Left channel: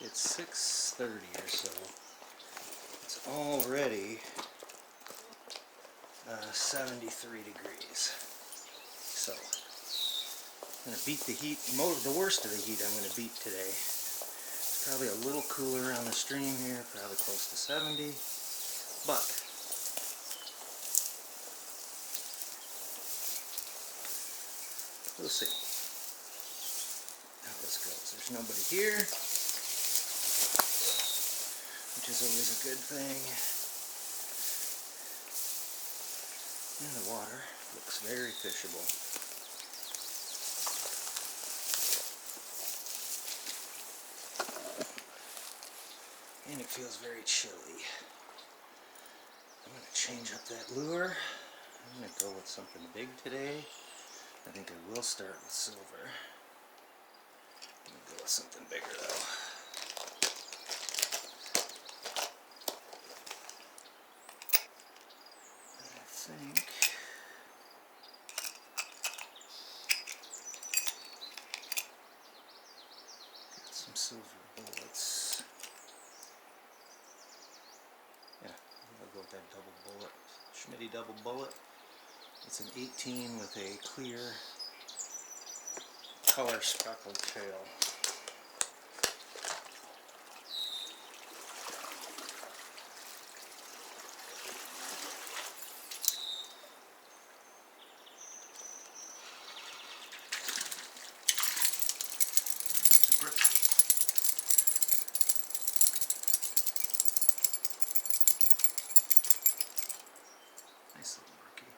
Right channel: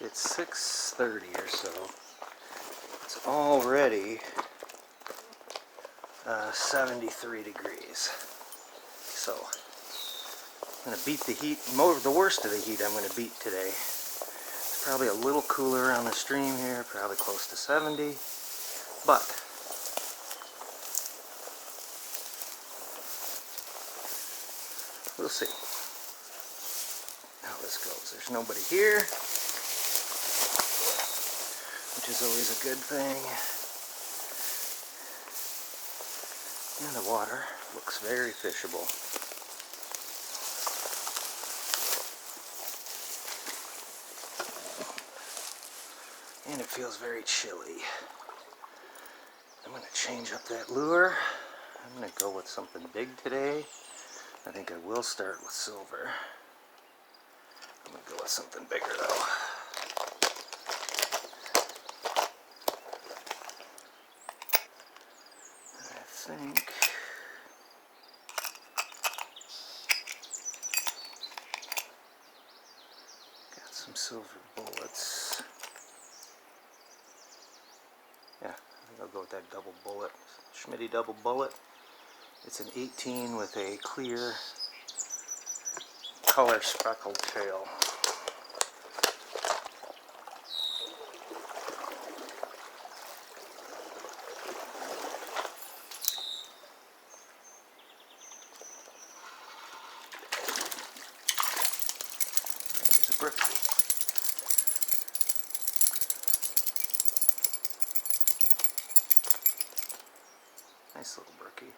It's 6:30 or so. It's already 73 degrees. So I'm going to beat the heat. The worst of the heat I'm going to beat today. It's probably a little cooler on the stream here, probably close to 70. But we'll see how this goes. There's nobody here, which is always a good thing. And the water looks very fishable. And it feels very chilly. I'm going to change up that lure. I'm going to go with something big today. I think I will start with silver. I'm going to go with something bigger though. I think got some silver bullets. Yeah, I think I'll go with that double bullet. Schmitty double bullet. It's an 18 with a clear color speckled tail. There's a brookie. Nice little brookie.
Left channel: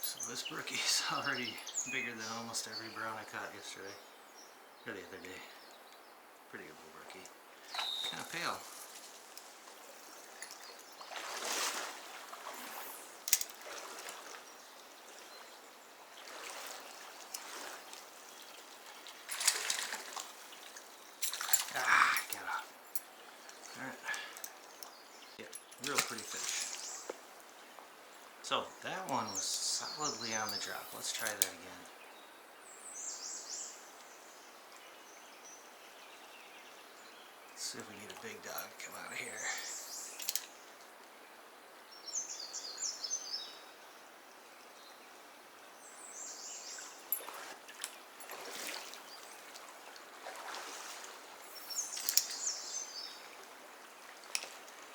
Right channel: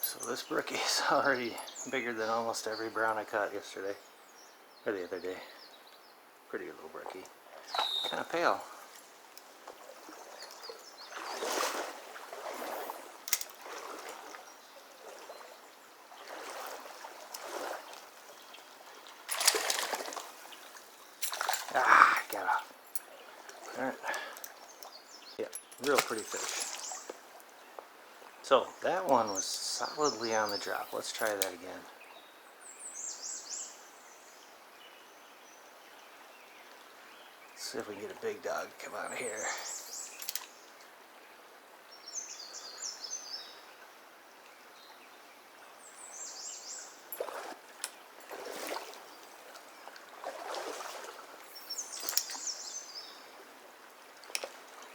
So this brookie is already bigger than almost every brown I caught yesterday, or the other day. Pretty little brookie. Kind of pale. Ah, got off. Alright. Yeah, real pretty fish. So, that one was solidly on the drop. Let's try that again. Let's see if we can get a big dog to come out of here.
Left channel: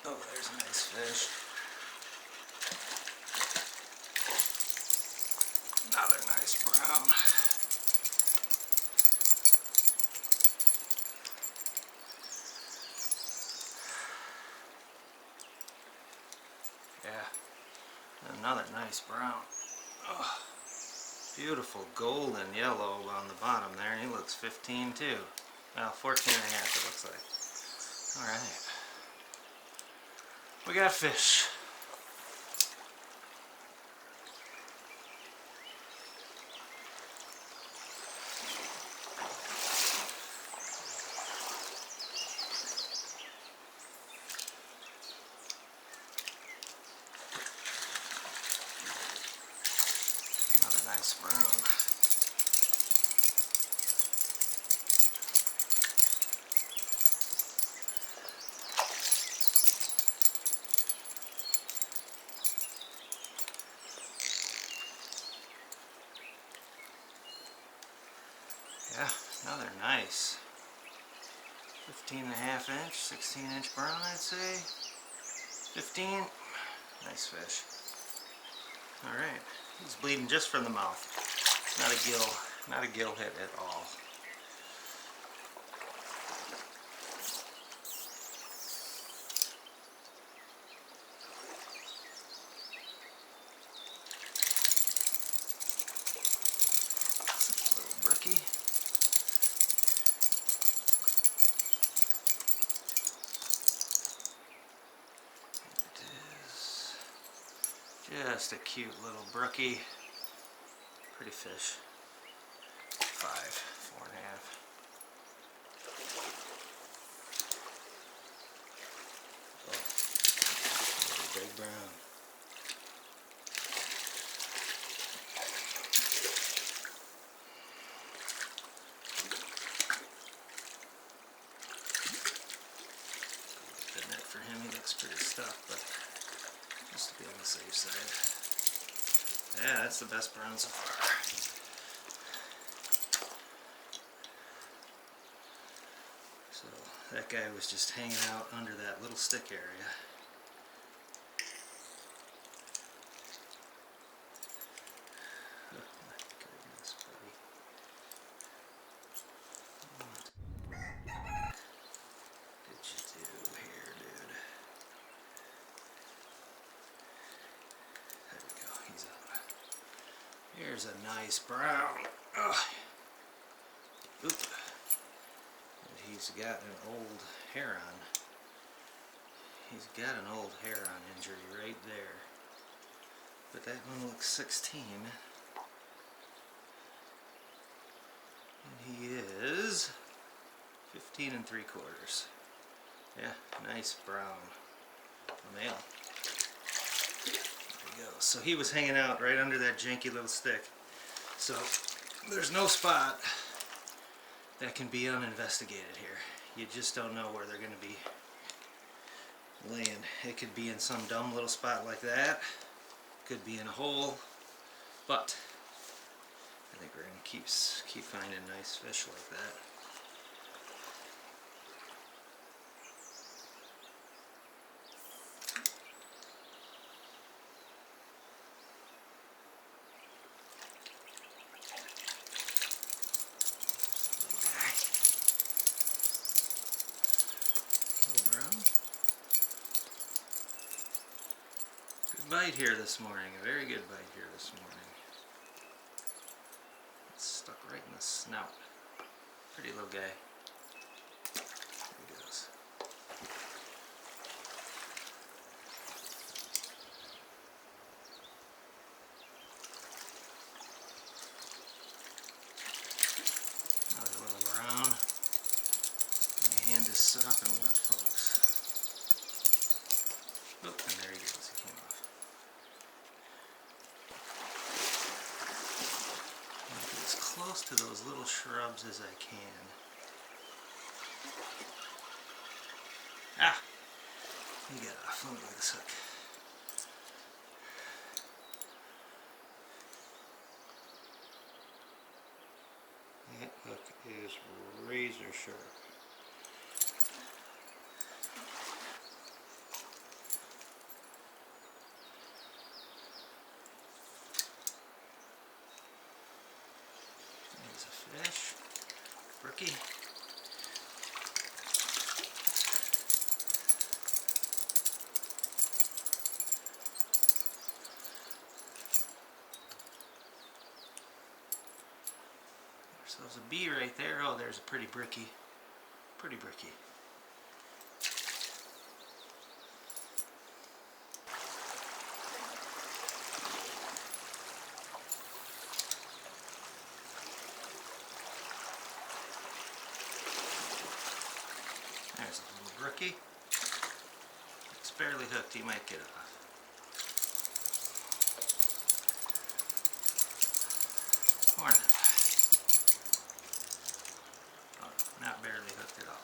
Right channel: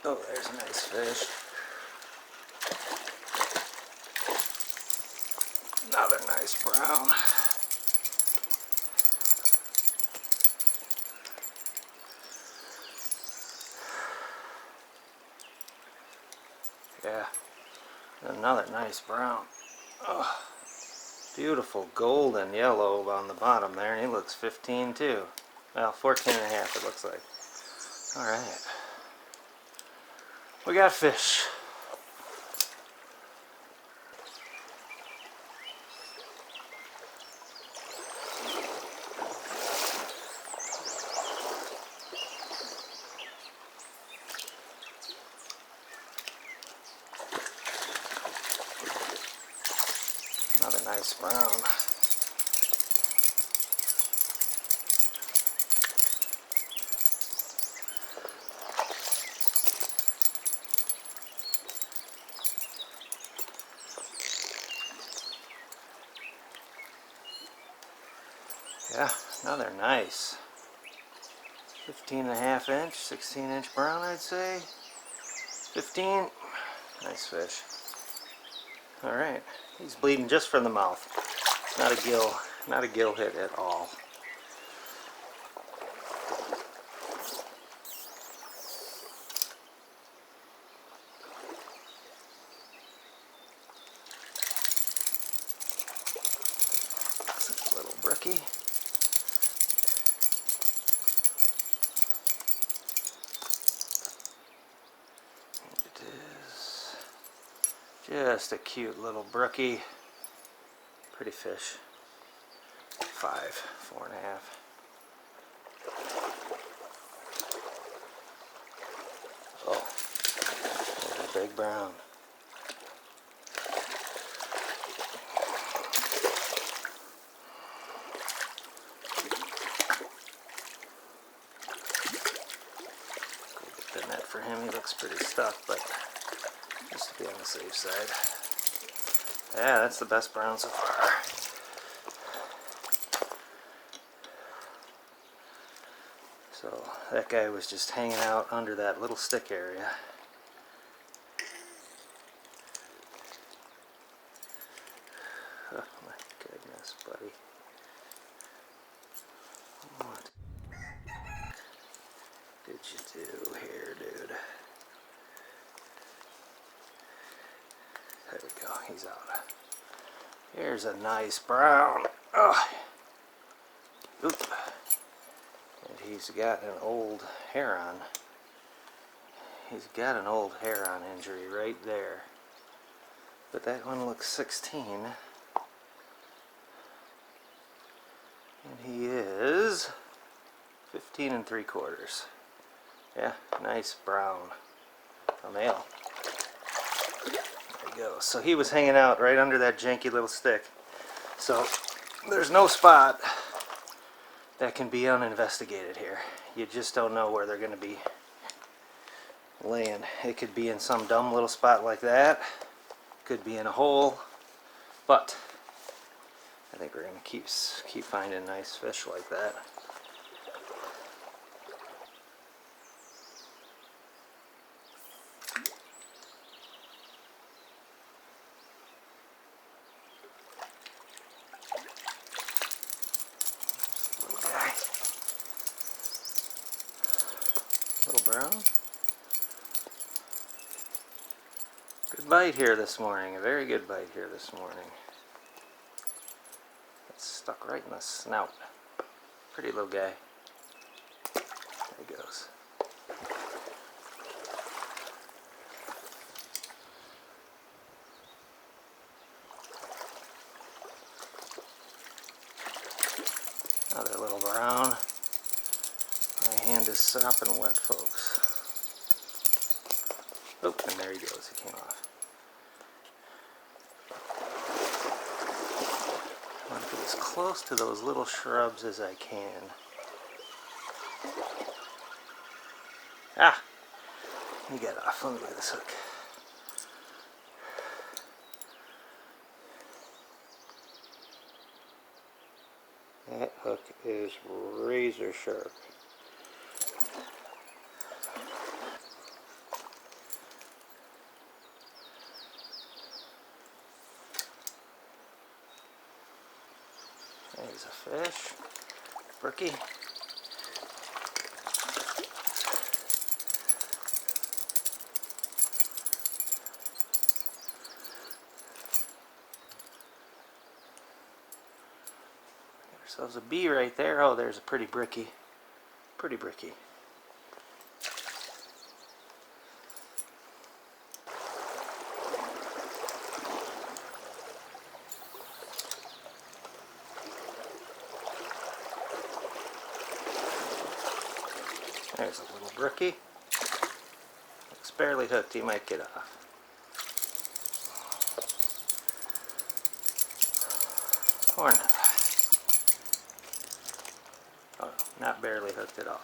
Oh, there's a nice fish. Another nice brown. Yeah, another nice brown. Oh, beautiful golden yellow on the bottom there, and he looks 15 too. Well, 14 and a half it looks like. Alright. We got fish. Another nice brown. Yeah, another nice 15 and a half inch, 16 inch brown I'd say. 15. Nice fish. Alright, he's bleeding just from the mouth. Not a gill hit at all. It's a little brookie. And it is just a cute little brookie. Pretty fish. 5, 4 and a half. Oh, there's a big brown. looks pretty stuck, but just to be on the safe side. Yeah, that's the best brown so far. So that guy was just hanging out under that little stick area. Oh my goodness, buddy. What did you do here, dude? There we go, he's out. Here's a nice brown. Oh. Oop. And he's got an old heron. He's got an old heron injury right there. But that one looks 16. And he is 15 3/4. Yeah, nice brown. A male. There he goes. So he was hanging out right under that janky little stick. So there's no spot that can be uninvestigated here. You just don't know where they're going to be laying. It could be in some dumb little spot like that. Could be in a hole. But I think we're going to keep finding nice fish like that. Little brown. Good bite here this morning. A very good bite here this morning. It's stuck right in the snout. Pretty little guy. There he goes. Another little brown. My hand is sopping wet, folks. Oh, and there he goes. He came off. I want to get as close to those little shrubs as I can. Ah! He got off. Let me look at this hook. That hook is razor sharp. There's a fish. Brookie. Get ourselves a bee right there. Oh, there's a pretty brookie. Pretty brookie. There's a little brookie. It's barely hooked. He might get off. Or not. Oh no, not barely hooked at all.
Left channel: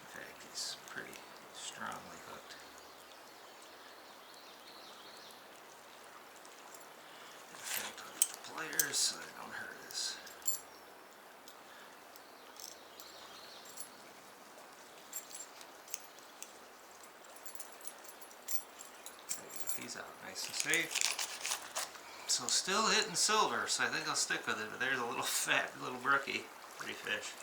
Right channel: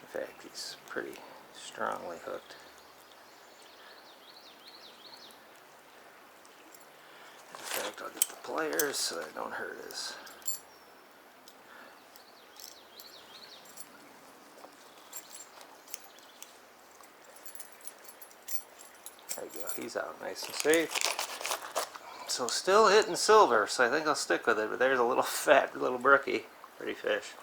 In fact, he's pretty strongly hooked. In fact, I'll get the pliers so I don't hurt his. There you go, he's out nice and safe. So still hitting silver, so I think I'll stick with it, but there's a little fat little brookie. Pretty fish.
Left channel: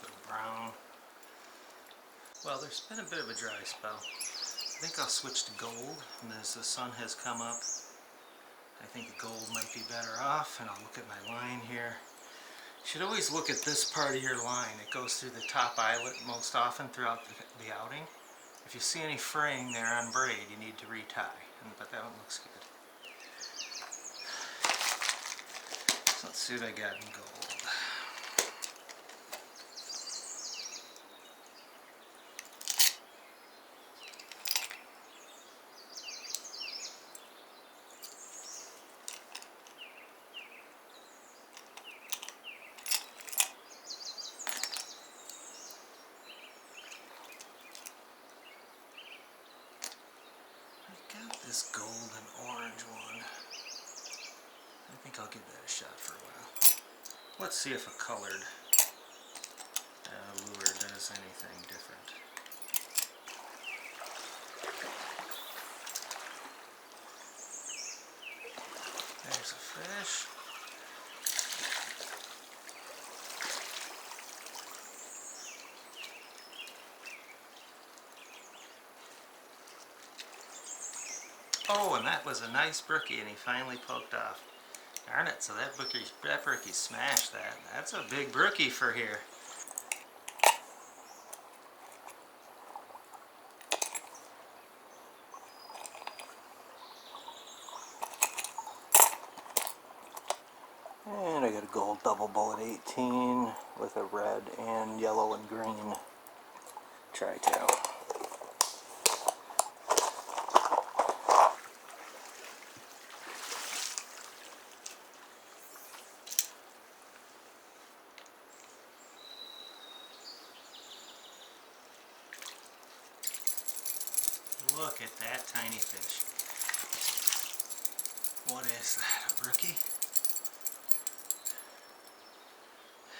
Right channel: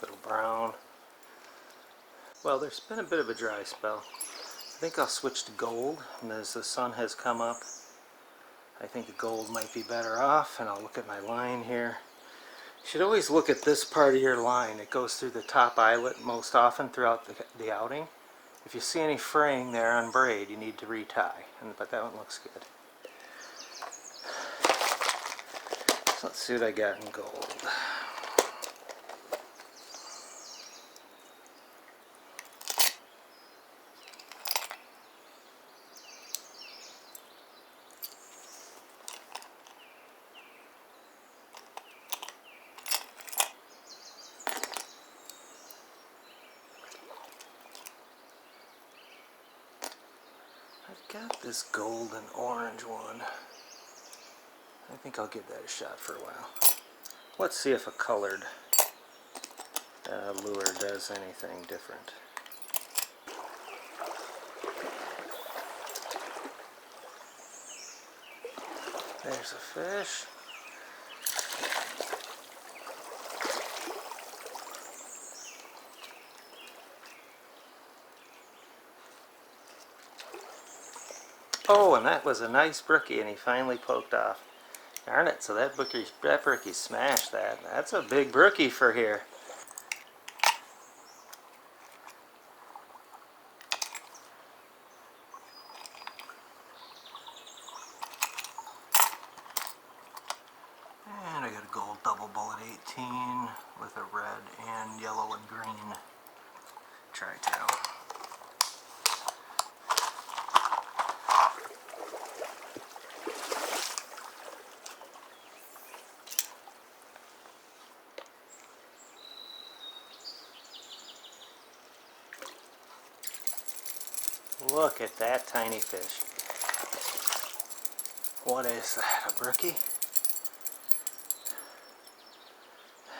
Little brown. Well, there's been a bit of a dry spell. I think I'll switch to gold, and as the sun has come up, I think the gold might be better off, and I'll look at my line here. You should always look at this part of your line. It goes through the top eyelet most often throughout the outing. If you see any fraying there on braid, you need to retie, but that one looks good. So let's see what I got in gold. I've got this golden orange one. I think I'll give that a shot for a while. Let's see if a colored lure does anything different. There's a fish. Oh, and that was a nice brookie, and he finally poked off. Darn it, so that brookie smashed that. That's a big brookie for here. And I got a gold double bullet 18 with a red and yellow and green tri-tail. Look at that tiny fish. What is that, a brookie?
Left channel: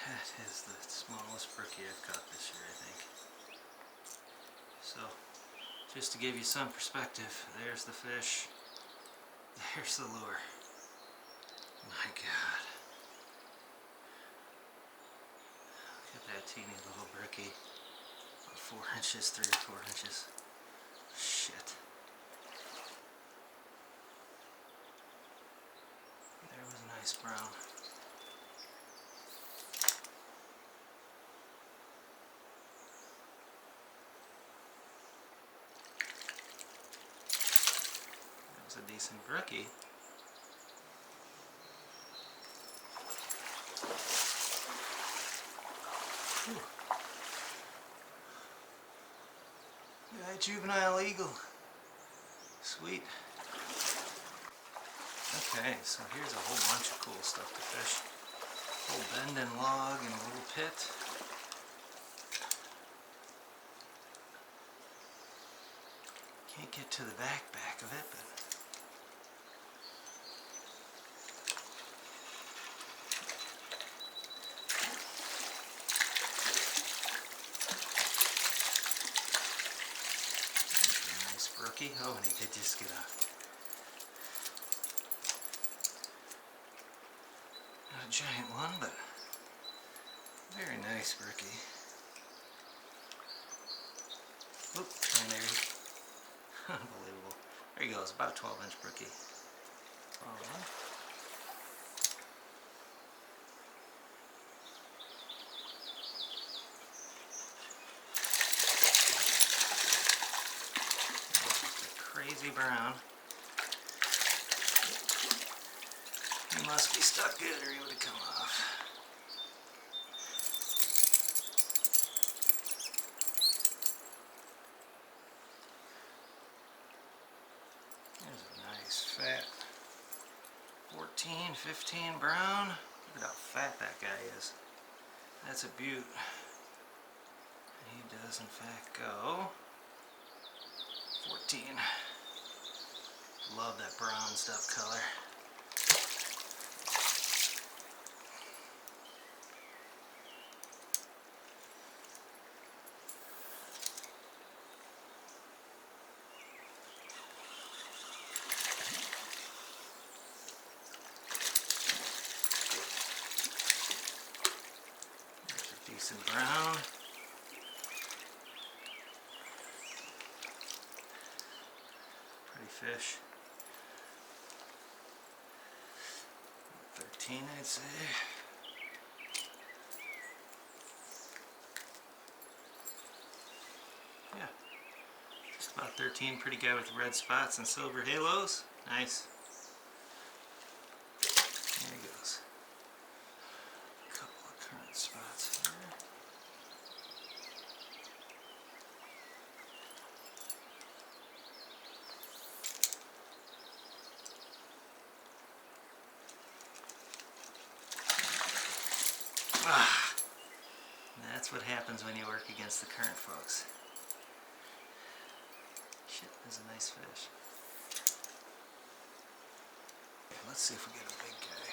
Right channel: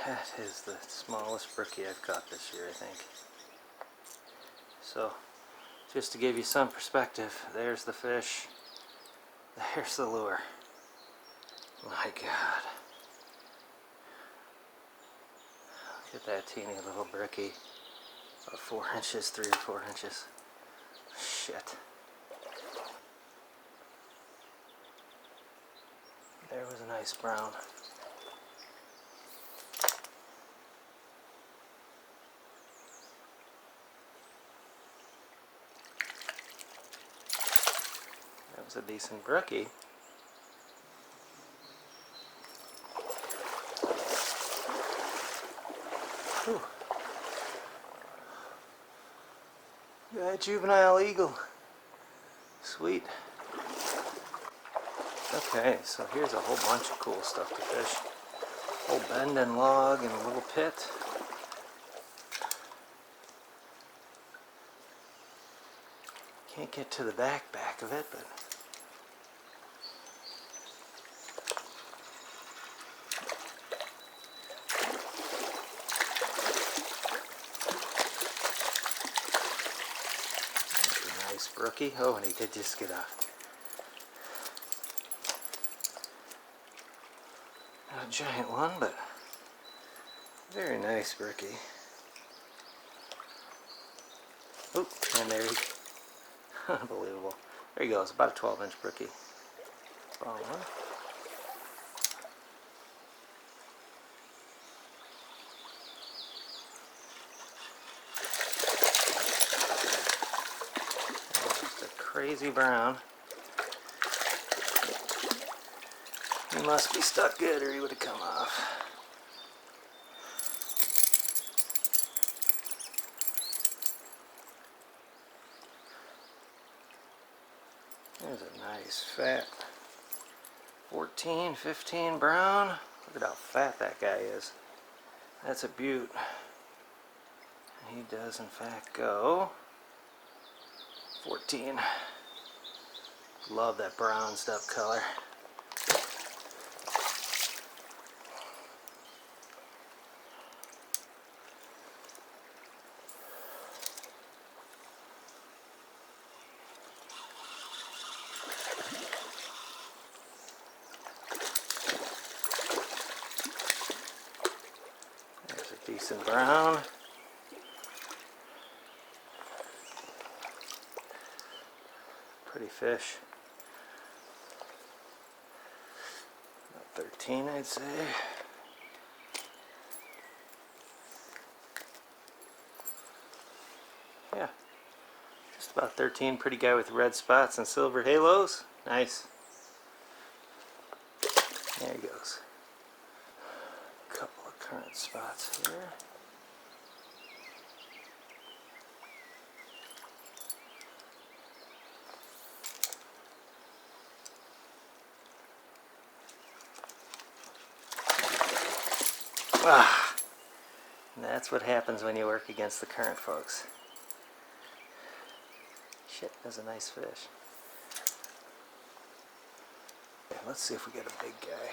That is the smallest brookie I've caught this year, I think. So, just to give you some perspective, there's the fish, there's the lure. My God. Look at that teeny little brookie. About 4 inches, 3 or 4 inches. Shit. There was a nice brown. That was a decent brookie. Whew. Got a juvenile eagle. Sweet. Okay, so here's a whole bunch of cool stuff to fish. Whole bend and log and a little pit. Can't get to the back of it, but that's a nice brookie. Oh, and he did just get off. Not a giant one, but very nice brookie. Oop, and there he goes. Unbelievable. There he goes, about a 12-inch brookie. Ball one. Just a crazy brown. He must be stuck good or he would have come off. There's a nice fat 14, 15 brown. Look at how fat that guy is. That's a beaut. And he does in fact go 14. Love that bronzed up color. There's a decent brown. Pretty fish. About 13, I'd say. Yeah, just about 13. Pretty guy with red spots and silver halos. Nice. There he goes. Couple of current spots here. Ah, and that's what happens when you work against the current, folks. Shit, that's a nice fish. Okay, let's see if we get a big guy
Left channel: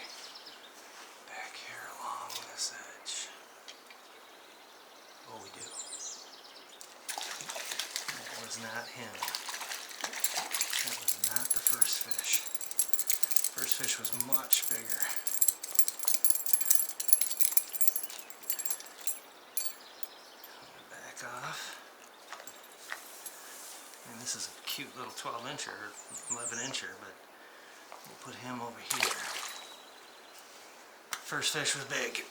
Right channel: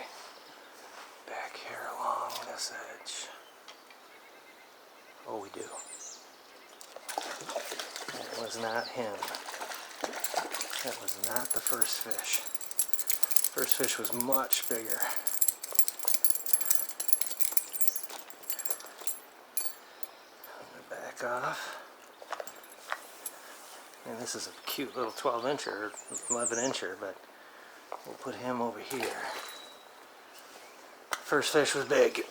back here along this edge. Oh, we do. That was not him. That was not the first fish. First fish was much bigger. I'm going to back off. And this is a cute little 12-incher, 11-incher, but we'll put him over here. First fish was big.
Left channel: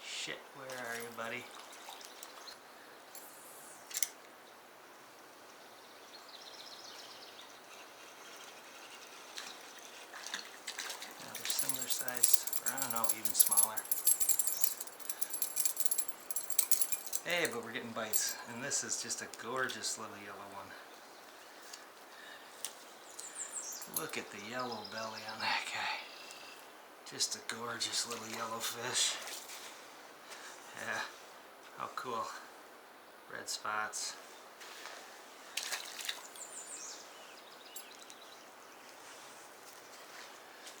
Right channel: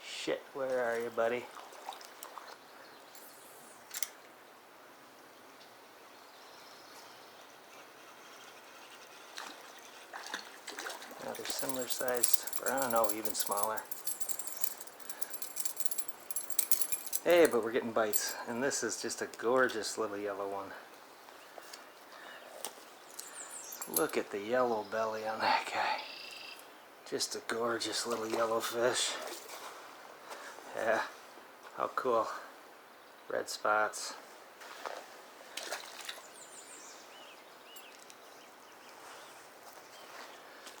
Shit, where are you, buddy? Another similar sized brown, no, even smaller. Hey, but we're getting bites, and this is just a gorgeous little yellow one. Look at the yellow belly on that guy. Just a gorgeous little yellow fish. Yeah, how cool. Red spots.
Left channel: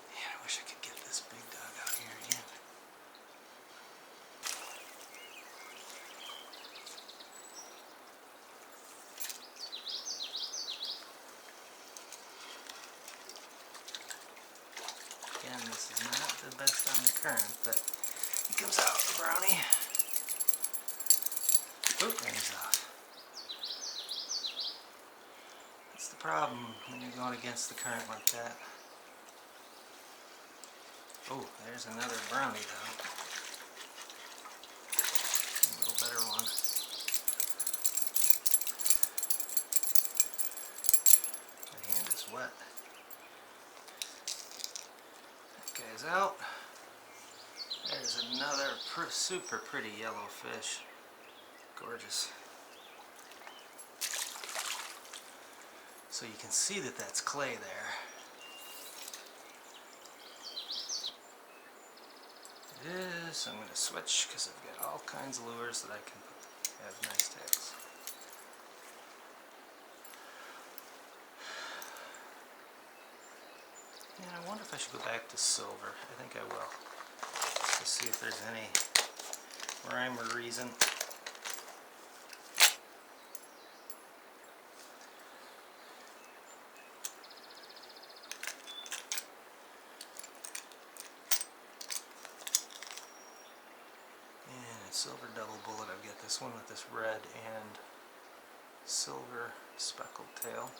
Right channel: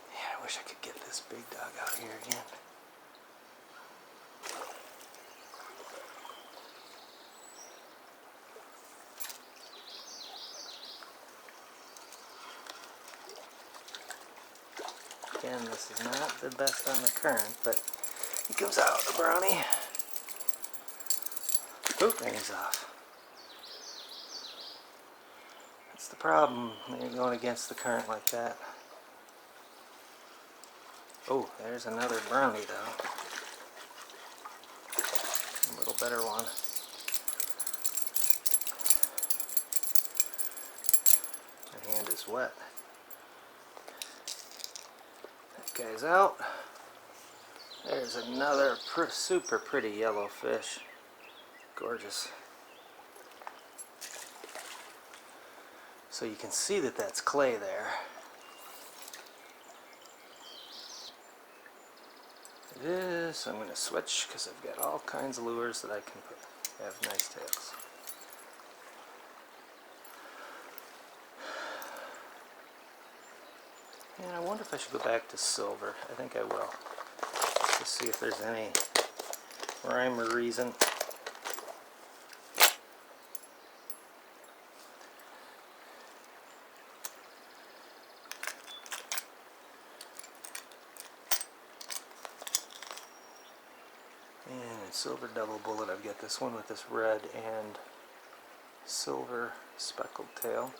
Man, I wish I could get this big dog out here again. Again, this is not the best on the current, but he comes out, the brownie. Oop, and he's off. That's the problem when you're going against the current like that. Oh, there's another brownie though. A little better one. My hand is wet. That guy's out. There's another super pretty yellow fish. Gorgeous. So you can see that that's clay there. It is. I'm going to switch because I've got all kinds of lures that I can put. Have nice tails. And I wonder if I should go back to silver. I think I will. Just to see if there's any rhyme or reason. And in silver double bullet, I've got this one with this red and silver speckled tail.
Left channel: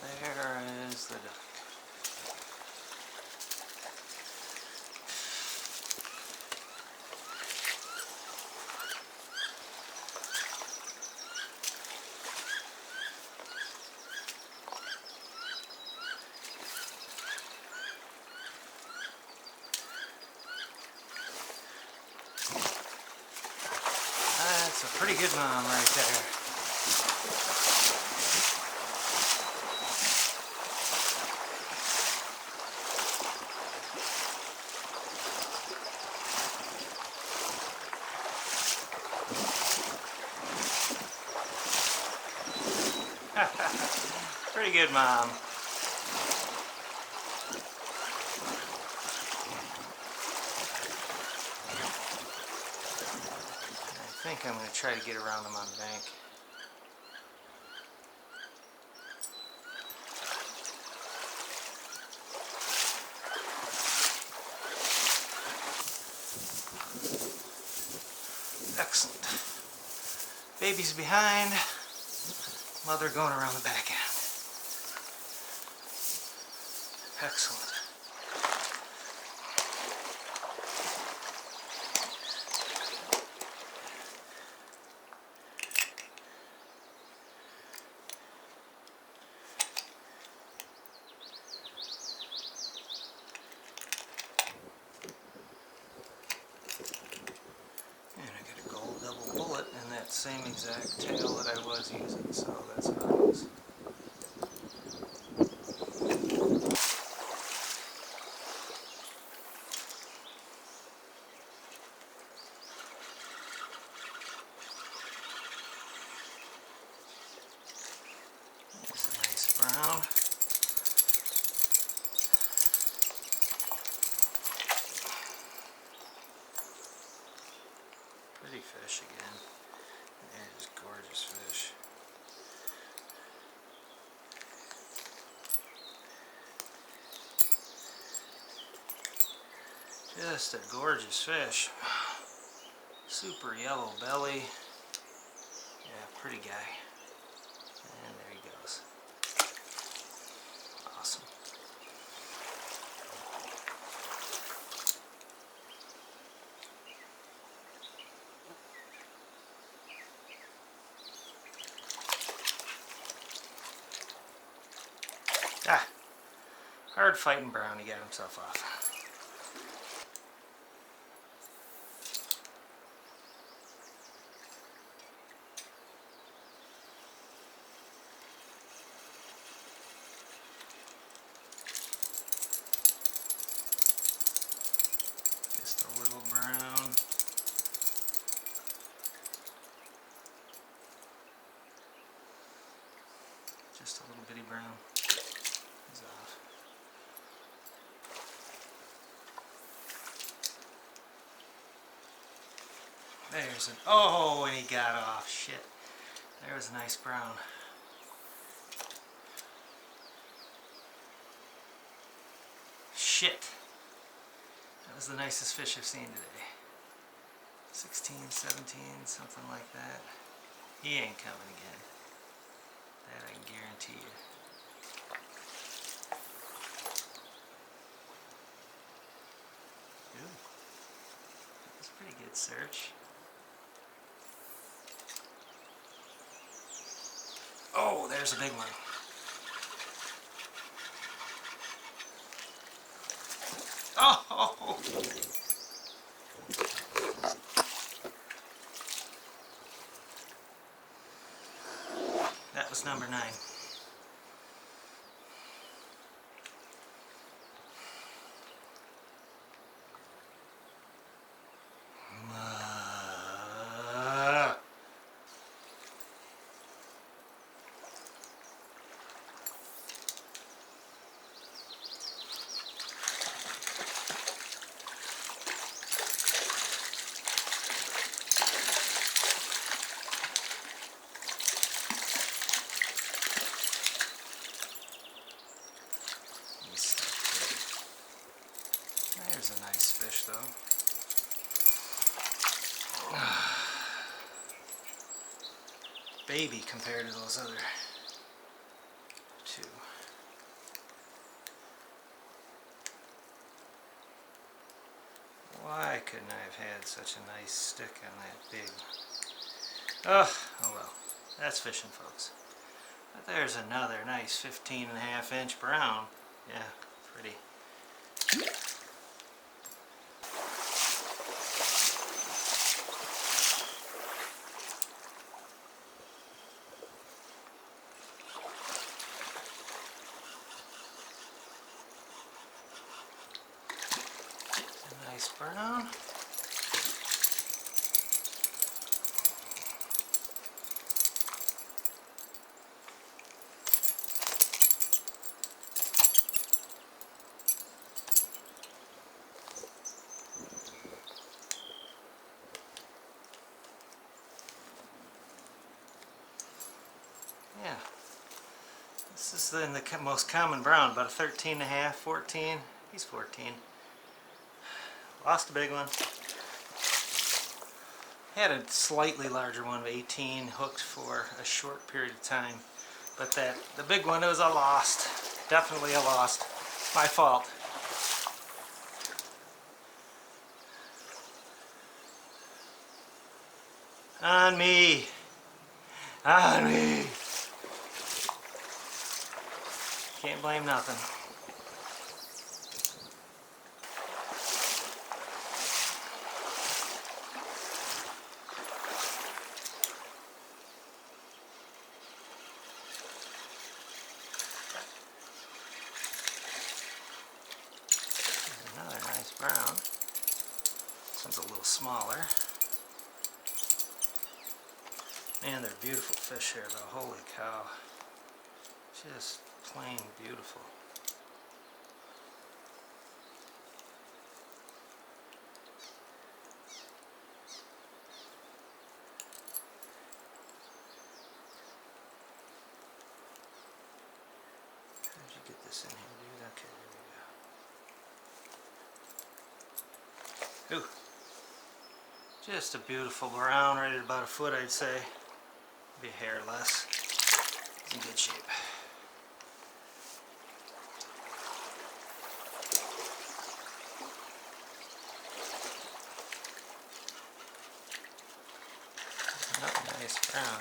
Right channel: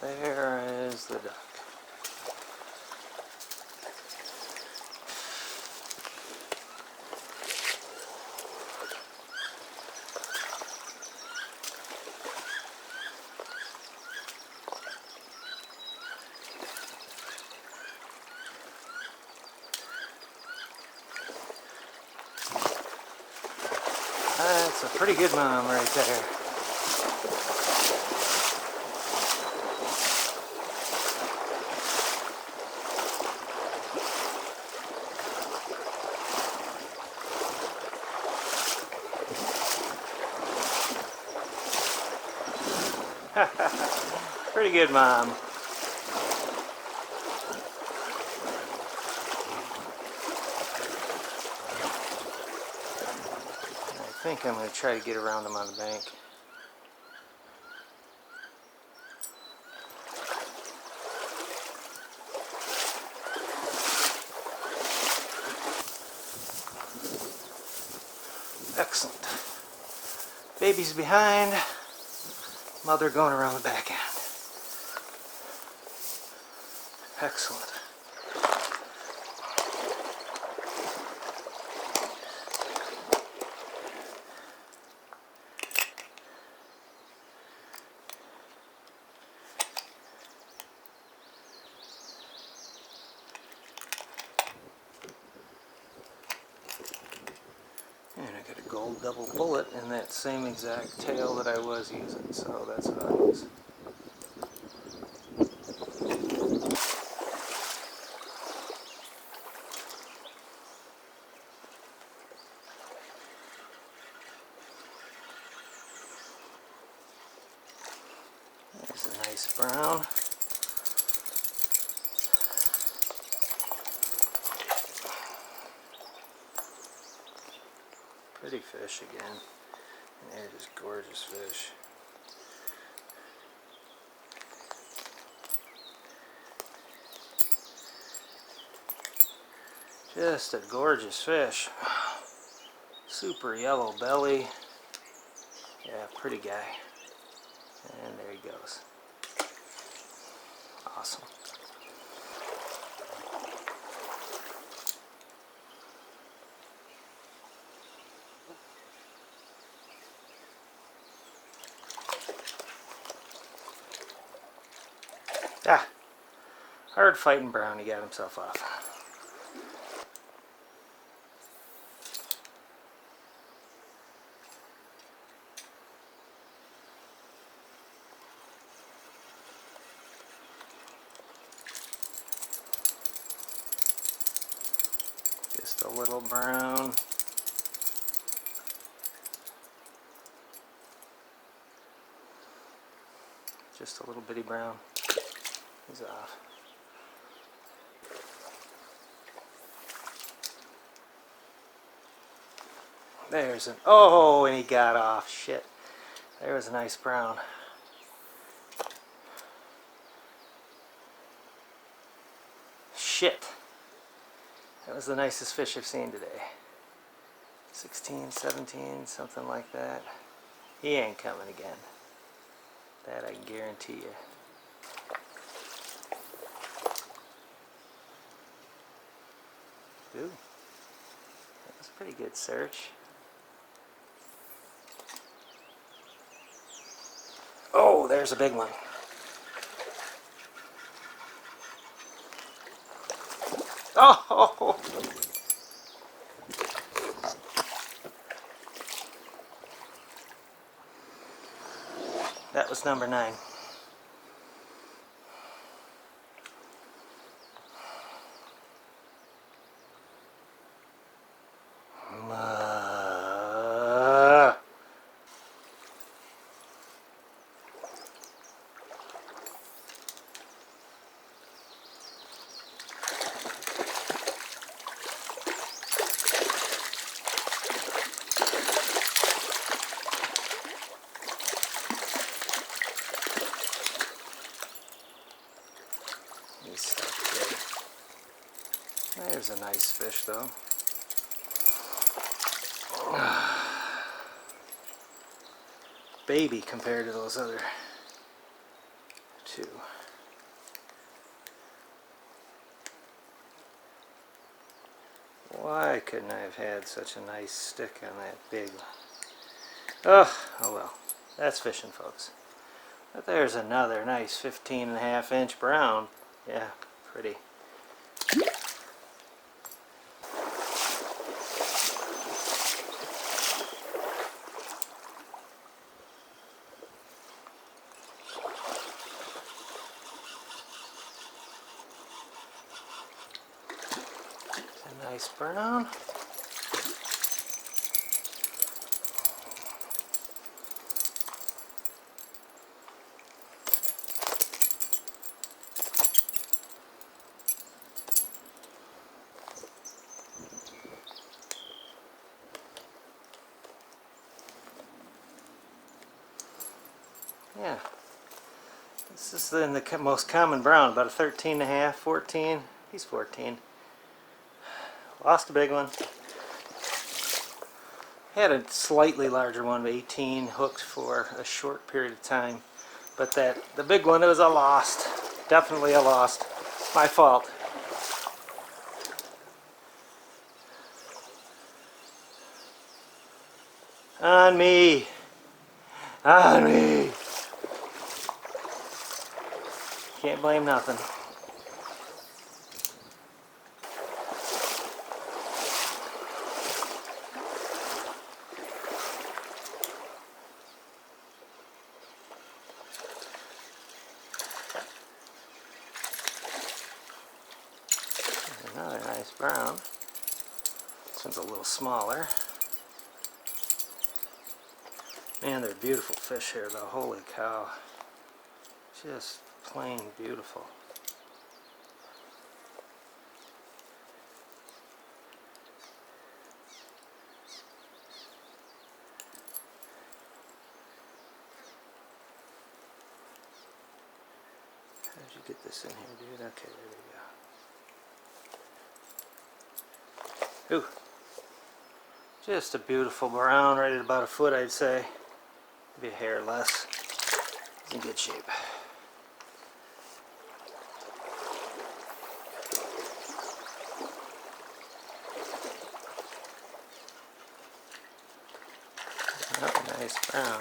There is the duck. That's a pretty good mom right there. Pretty good mom. I think I'm going to try to get around him on the bank. Excellent. Baby's behind. Mother going around the back end. Excellent. double bullet in that same exact tail that I was using, so that's what I'll use. There's a nice brown. Pretty fish again. And they're just gorgeous fish. Just a gorgeous fish. Super yellow belly. Yeah, pretty guy. And there he goes. Awesome. Ah, hard fighting brown. He got himself off. Just a little brown. Just a little bitty brown. He's off. There's an, oh, and he got off. Shit. There was a nice brown. Shit. That was the nicest fish I've seen today. 16, 17, something like that. He ain't coming again. That I can guarantee you. Ooh. That was a pretty good search. Oh, there's a big one. Oh! That was number 9. He's stuck good. There's a nice fish though. Baby compared to those other two. Why couldn't I have had such a nice stick on that big one? Oh well. That's fishing, folks. But there's another nice 15.5-inch brown. Yeah, pretty. A nice brown. Yeah, this is the most common brown, about a 13.5, 14. He's 14. Lost a big one. Had a slightly larger one of 18 hooked for a short period of time, but the big one, it was a lost. Definitely a lost. My fault. On me. On me. Can't blame nothing. nice brown. This one's a little smaller. Man, they're beautiful fish here though, holy cow. Just plain beautiful. How did you get this in here, dude? Okay, there we go. Ooh. Just a beautiful brown, right at about a foot, I'd say. Maybe a hair less. He's in good shape. Oh, nice brown.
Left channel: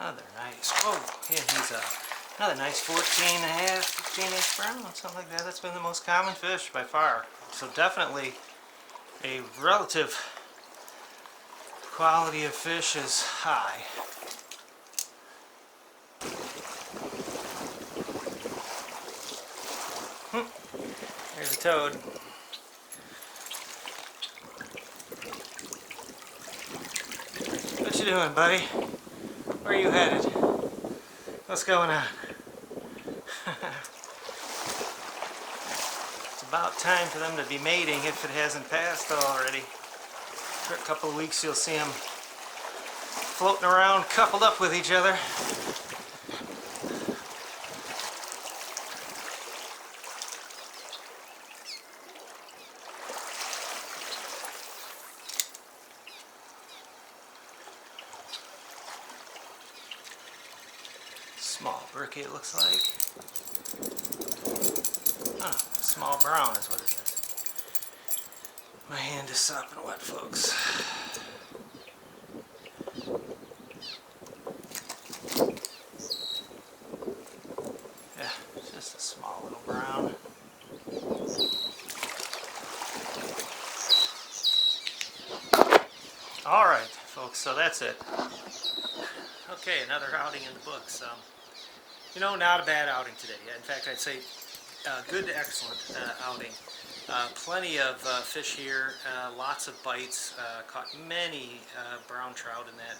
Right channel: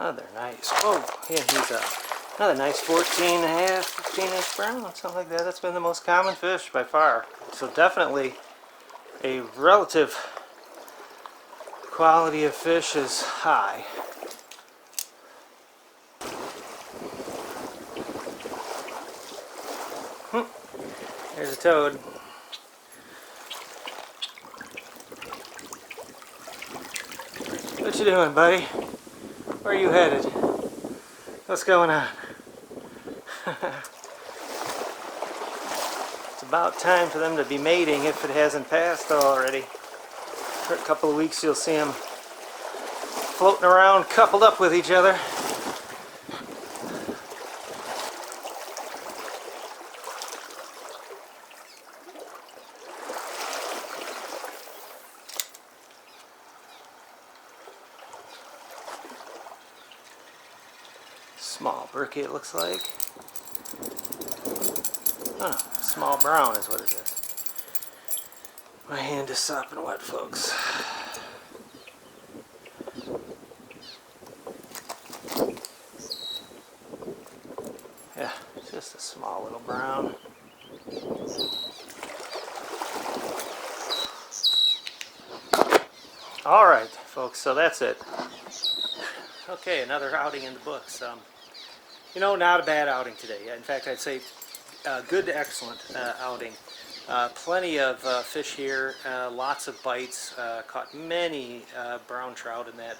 Oh, they're nice. Whoa, yeah, he's another nice 14 and a half, 15 inch brown, something like that. That's been the most common fish by far. So definitely a relative quality of fish is high. There's a toad. What you doing, buddy? Where are you headed? What's going on? It's about time for them to be mating if it hasn't passed already. For a couple of weeks you'll see them floating around coupled up with each other. Small brookie it looks like. Oh no, small brown is what it is. My hand is sopping wet, folks. Yeah, just a small little brown. Alright, folks, so that's it. Okay, another outing in the books. You know, not a bad outing today. In fact, I'd say good to excellent outing. Plenty of fish here, lots of bites. Caught many brown trout in that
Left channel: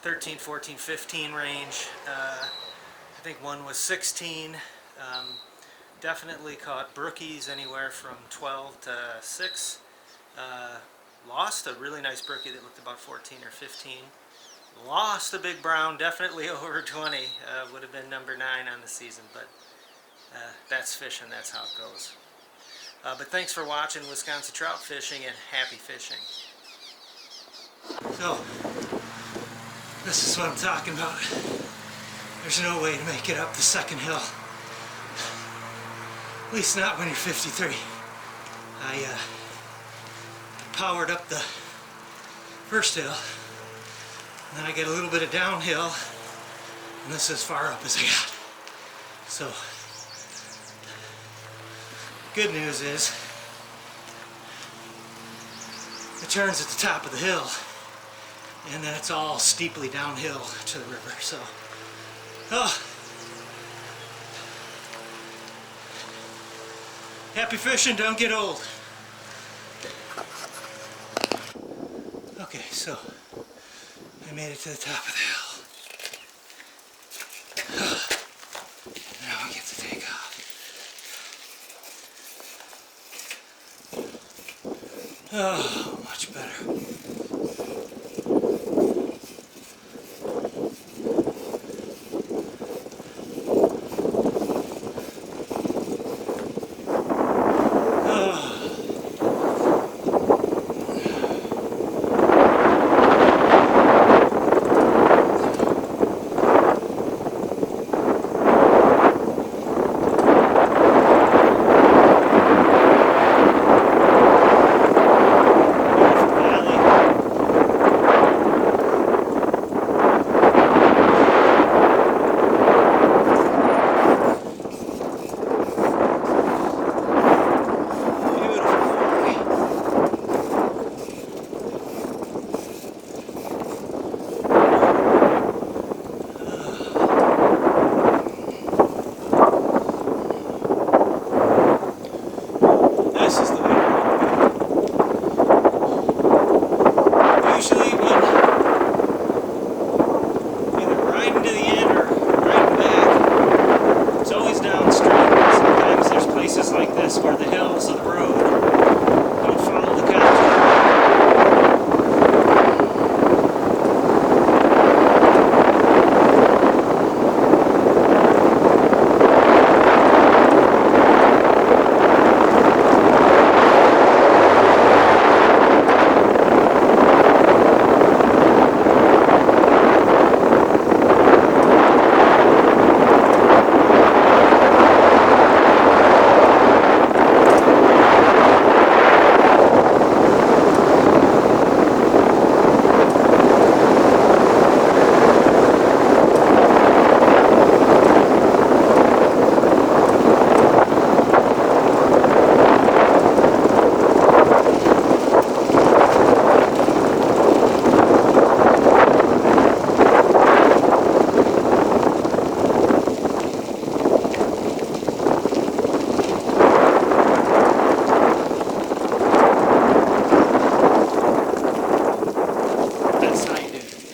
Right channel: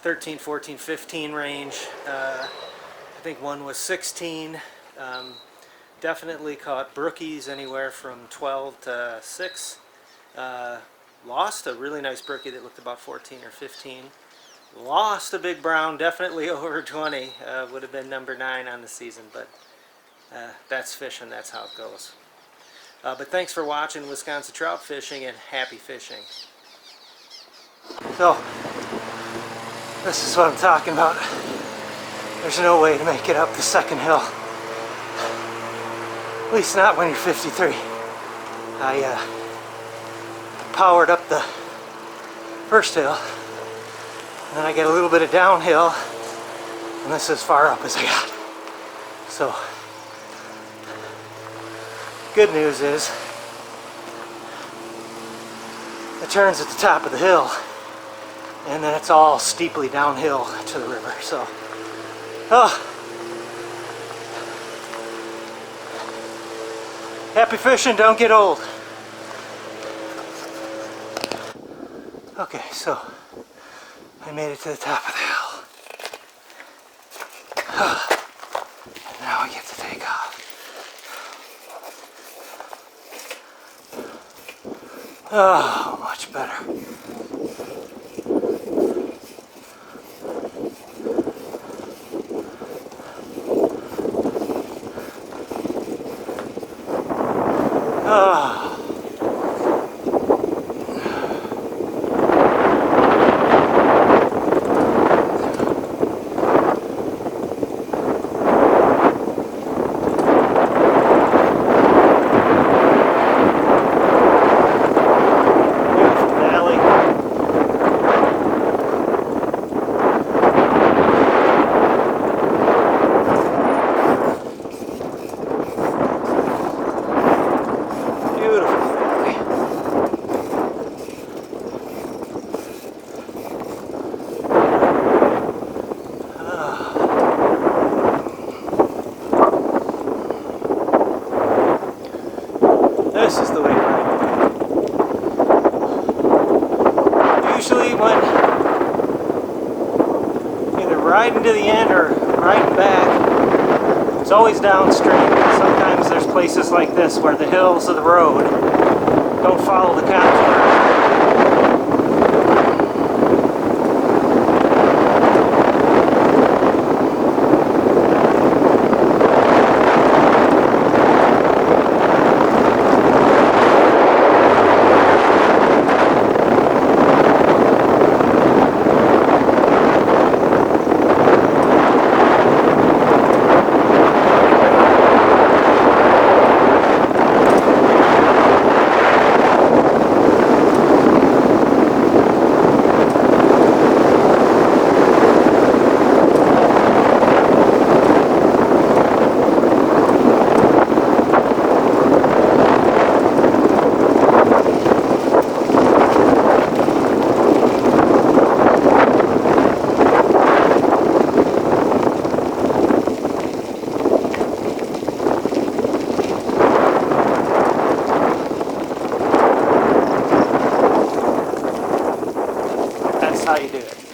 13, 14, 15 range. I think one was 16. Definitely caught brookies anywhere from 12 to 6. Lost a really nice brookie that looked about 14 or 15. Lost a big brown, definitely over 20. Would have been number 9 on the season, but that's fishing, that's how it goes. But thanks for watching Wisconsin trout fishing, and happy fishing. So, this is what I'm talking about. There's no way to make it up the second hill. At least not when you're 53. I powered up the first hill, and then I get a little bit of downhill, and this is as far up as I got. So, good news is, it turns at the top of the hill, and then it's all steeply downhill to the river. So, happy fishing, don't get old. Okay, so I made it to the top of the hill. And now I get to take off. Oh, much better. Oh. Beautiful valley. This is the way to ride the bike. Usually when either riding to the end or riding back, it's always downstream. Sometimes there's places like this where the hills of the road don't follow the contour of the road. That's how you do it.